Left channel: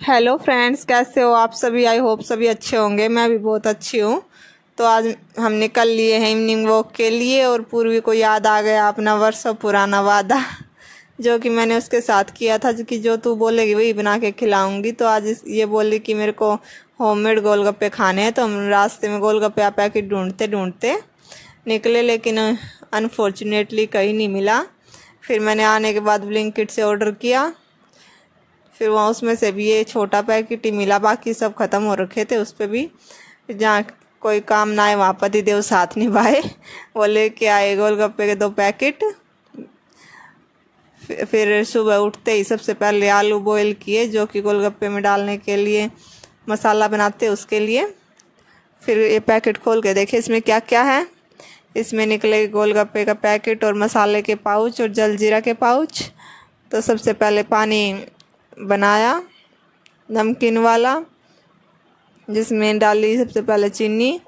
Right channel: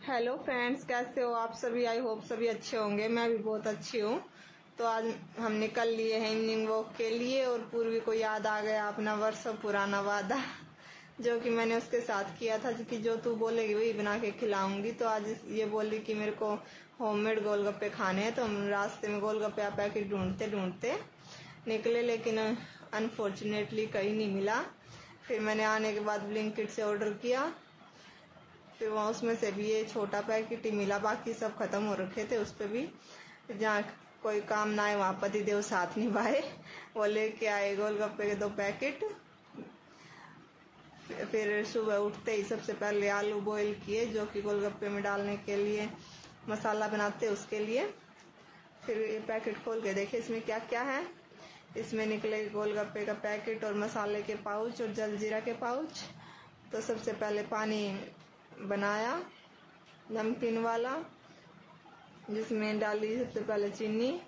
Hello friends, कैसे हो आप सभी। आई होप सभी अच्छे होंगे। मैं भी बहुत अच्छी हूँ। तो आज हम निकल लिए हैं इवनिंग वॉक के लिए और पूर्वी को याद आ गया अपना वर्षों पुराना वादा जो कि मैंने उसके साथ किया था कि जो तू बोलेगी वही बना के खिलाऊंगी। तो आज ये बोली कि मेरे को होममेड गोलगप्पे खाने हैं। तो हम रास्ते में गोलगप्पे का पैकेट ढूंढते ढूंढते निकले, लेकिन अनफॉर्चुनेटली कहीं नहीं मिला। फिर मैंने आने के बाद ब्लिंकिट से ऑर्डर किया। फिर वहाँ उसमें से भी ये छोटा पैकेट ही मिला, बाकी सब ख़त्म हो रखे थे। उस पर भी जहाँ कोई काम ना आए वहाँ पतिदेव साथ निभाए, वो लेके आए गोलगप्पे के 2 पैकेट। फिर सुबह उठते ही सबसे पहले आलू बॉईल किए, जो कि गोलगप्पे में डालने के लिए मसाला बनाते उसके लिए। फिर ये पैकेट खोल के देखे इसमें क्या क्या है। इसमें निकले गोलगप्पे का पैकेट और मसाले के पाउच और जलजीरा के पाउच। तो सबसे पहले पानी बनाया नमकीन वाला, जिसमें डाली सबसे पहले चीनी,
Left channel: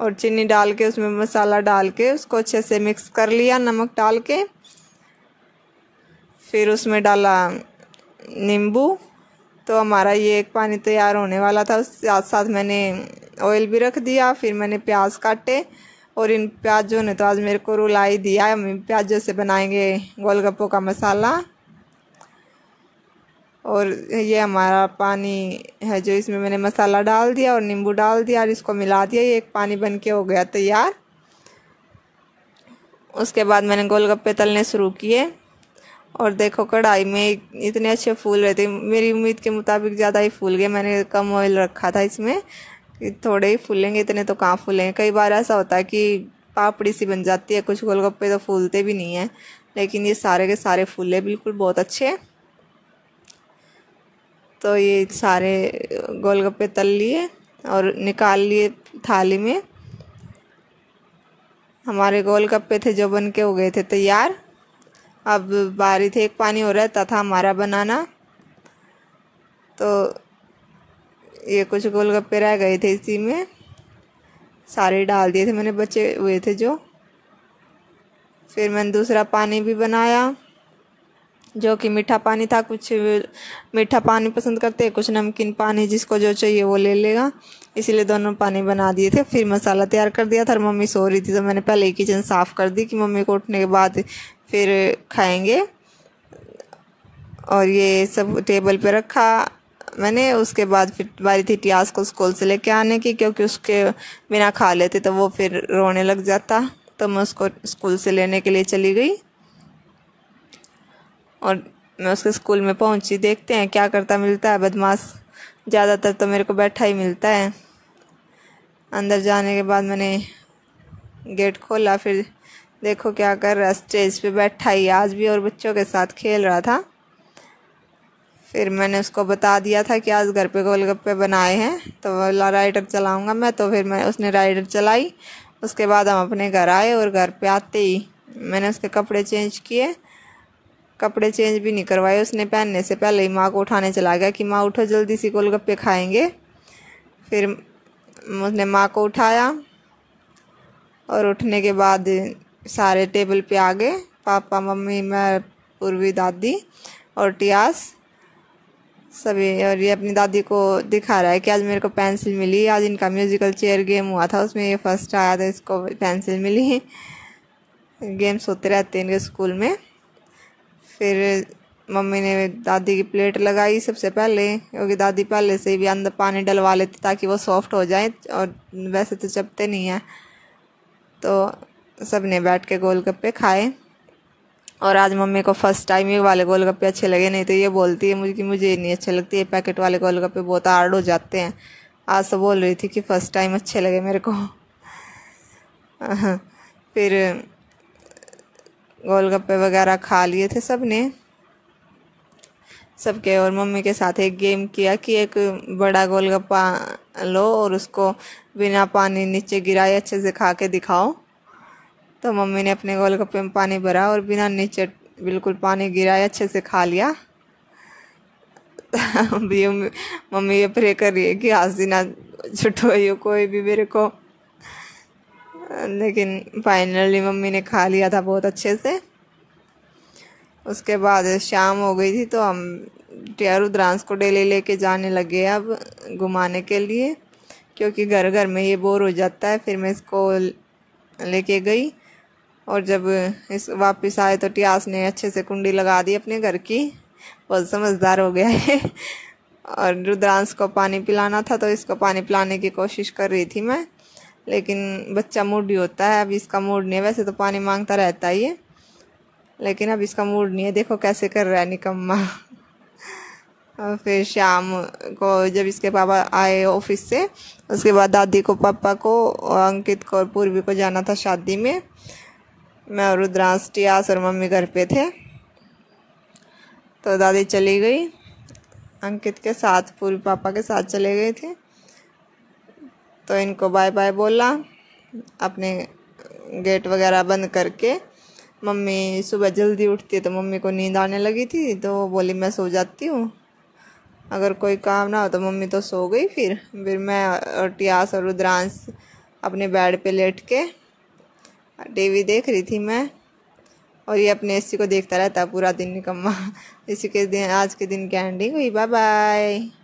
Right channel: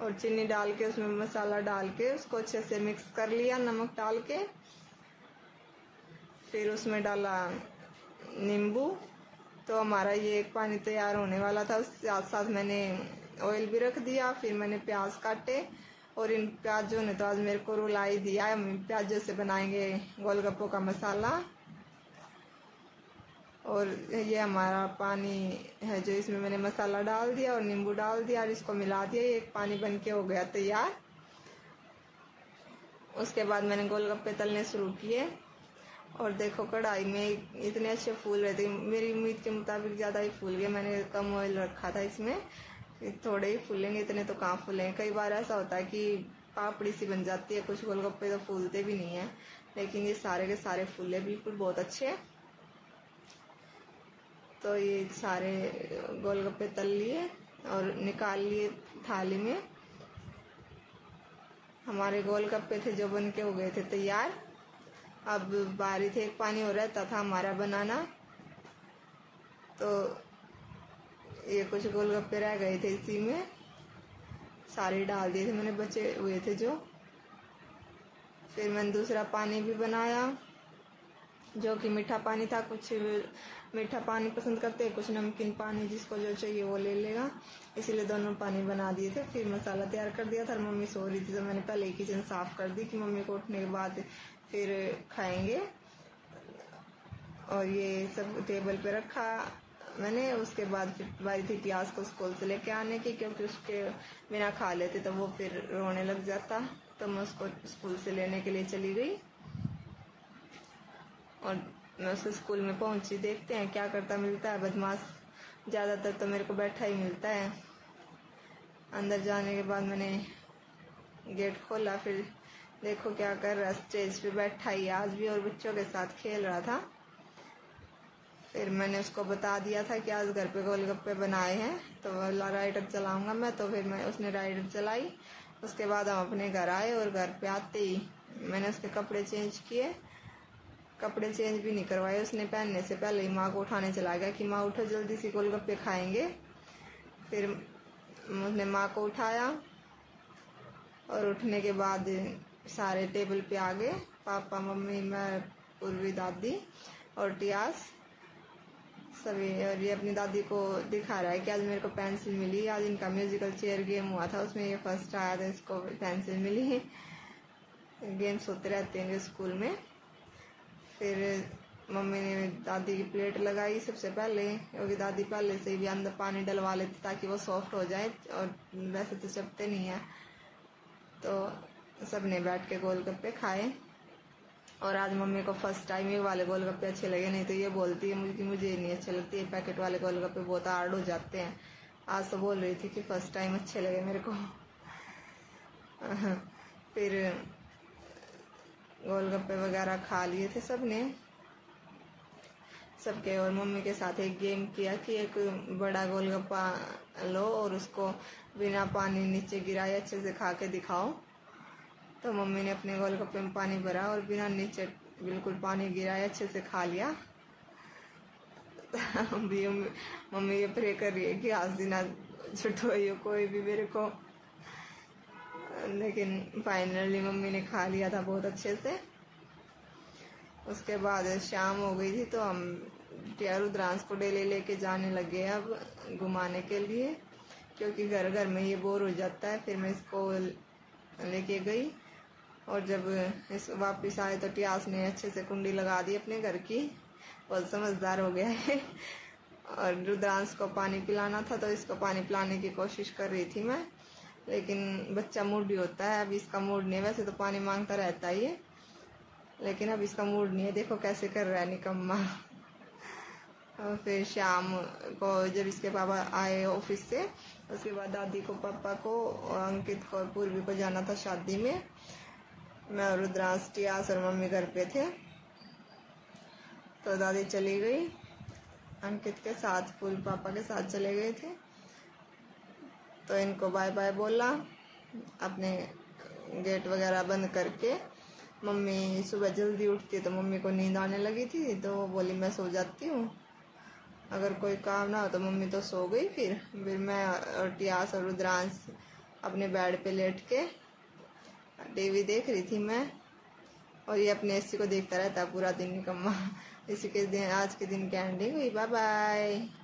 और चीनी डाल के उसमें मसाला डाल के उसको अच्छे से मिक्स कर लिया नमक डाल के। फिर उसमें डाला नींबू। तो हमारा ये एक पानी तैयार होने वाला था। उसके साथ साथ मैंने ऑयल भी रख दिया। फिर मैंने प्याज काटे, और इन प्याजों ने तो आज मेरे को रुला ही दिया। हम प्याजों से बनाएंगे गोलगप्पों का मसाला। और ये हमारा पानी है जो इसमें मैंने मसाला डाल दिया और नींबू डाल दिया और इसको मिला दिया। ये एक पानी बन के हो गया तैयार। उसके बाद मैंने गोलगप्पे तलने शुरू किए, और देखो कढ़ाई में इतने अच्छे फूल रहे थे। मेरी उम्मीद के मुताबिक ज़्यादा ही फूल गए। मैंने कम ऑयल रखा था इसमें कि थोड़े ही फूलेंगे, इतने तो कहाँ फूलेंगे। कई बार ऐसा होता है कि पापड़ी सी बन जाती है, कुछ गोलगप्पे तो फूलते भी नहीं हैं, लेकिन ये सारे के सारे फूले बिल्कुल बहुत अच्छे। तो ये सारे गोलगप्पे तल लिए और निकाल लिए थाली में। हमारे गोलगप्पे थे जो बन के हो गए थे तैयार। अब बारी थी, एक पानी हो रहा था हमारा बनाना। तो ये कुछ गोलगप्पे रह गए थे, इसी में सारे डाल दिए थे मैंने, बचे हुए थे जो। फिर मैंने दूसरा पानी भी बनाया, जो कि मीठा पानी था। कुछ मीठा पानी पसंद करते हैं, कुछ नमकीन पानी, जिसको जो चाहिए वो ले लेगा, इसीलिए दोनों पानी बना दिए थे। फिर मसाला तैयार कर दिया था। मम्मी सो रही थी तो मैंने पहले ही किचन साफ़ कर दी कि मम्मी को उठने के बाद फिर खाएंगे। और ये सब टेबल पे रखा मैंने। उसके बाद फिर बारी थी टियास को स्कूल से लेके आने की, क्योंकि उसके बिना खा लेते तो वो फिर रोने लग जाता। तो मैं उसको स्कूल से लेने के लिए चली गई, और मैं उसके स्कूल में पहुंची। देखते हैं क्या करता मिलता है बदमाश। ज़्यादातर तो मेरे को बैठा ही मिलता है। अंदर जाने के बाद मैंने गेट खोला, फिर देखो क्या कर रहा है, स्टेज पे बैठा ही आज भी, और बच्चों के साथ खेल रहा था। फिर मैंने उसको बता दिया था कि आज घर पे गोलगप्पे बनाए हैं, तो बोला राइडर चलाऊँगा मैं। तो फिर उसने राइडर चलाई। उसके बाद हम अपने घर आए, और घर पे आते ही मैंने उसके कपड़े चेंज किए। कपड़े चेंज भी नहीं करवाए उसने, पहनने से पहले ही माँ को उठाने चला गया कि माँ उठो जल्दी सी गोलगप्पे खाएंगे। फिर उसने माँ को उठाया, और उठने के बाद सारे टेबल पे आ गए, पापा मम्मी मैं पूर्वी दादी और टियास सभी। और ये अपनी दादी को दिखा रहा है कि आज मेरे को पेंसिल मिली। आज इनका म्यूज़िकल चेयर गेम हुआ था, उसमें ये फर्स्ट आया था, इसको पेंसिल मिली। गेम्स होते रहते हैं इनके स्कूल में। फिर मम्मी ने दादी की प्लेट लगाई सबसे पहले, क्योंकि दादी पहले से भी अंदर पानी डलवा लेती ताकि वो सॉफ्ट हो जाए, और वैसे तो चपते नहीं हैं। तो सब ने बैठ के गोलगप्पे खाए। और आज मम्मी को फर्स्ट टाइम ये वाले गोलगप्पे अच्छे लगे, नहीं तो ये बोलती है मुझे कि मुझे नहीं अच्छे लगते, ये पैकेट वाले गोलगप्पे बहुत हार्ड हो जाते हैं। आज तो बोल रही थी कि फ़र्स्ट टाइम अच्छे लगे मेरे को। फिर गोलगप्पे वगैरह खा लिए थे सब ने, सबके। और मम्मी के साथ एक गेम किया कि एक बड़ा गोलगप्पा लो और उसको बिना पानी नीचे गिराए अच्छे से खा के दिखाओ। तो मम्मी ने अपने गोलगप्पे में पानी भरा और बिना नीचे बिल्कुल पानी गिराए अच्छे से खा लिया। मम्मी ये प्रे कर रही है कि हंसी ना छुटवाइयो कोई भी मेरे को। लेकिन फाइनली मम्मी ने खा लिया था बहुत अच्छे से। उसके बाद शाम हो गई थी, तो हम रुद्रांश को डेली लेके जाने लगे अब घुमाने के लिए, क्योंकि घर घर में ये बोर हो जाता है। फिर मैं इसको लेके गई और जब इस वापस आए तो टियास ने अच्छे से कुंडी लगा दी अपने घर की, बहुत समझदार हो गया है। और रुद्रांश को पानी पिलाना था तो इसको पानी पिलाने की कोशिश कर रही थी मैं, लेकिन बच्चा मूडी होता है। अब इसका मूड नहीं है, वैसे तो पानी मांगता रहता ही है, लेकिन अब इसका मूड नहीं है। देखो कैसे कर रहा है निकम्मा। और फिर शाम को जब इसके पापा आए ऑफिस से, उसके बाद दादी को, पापा को, अंकित को और पूर्वी को जाना था शादी में। मैं और रुद्रांश, टियास और मम्मी घर पे थे, तो दादी चली गई अंकित के साथ, पूर्वी पापा के साथ चले गए थे। तो इनको बाय बाय बोला, अपने गेट वगैरह बंद करके। मम्मी सुबह जल्दी उठती है तो मम्मी को नींद आने लगी थी, तो वो बोली मैं सो जाती हूँ, अगर कोई काम ना हो तो मम्मी तो सो गई। फिर मैं और टियास और रुद्रांश अपने बेड पे लेट के टीवी देख रही थी मैं, और ये अपने एसी को देखता रहता पूरा दिन निकम्मा। इसी के दिन आज के दिन की एंडिंग हुई। Bye bye.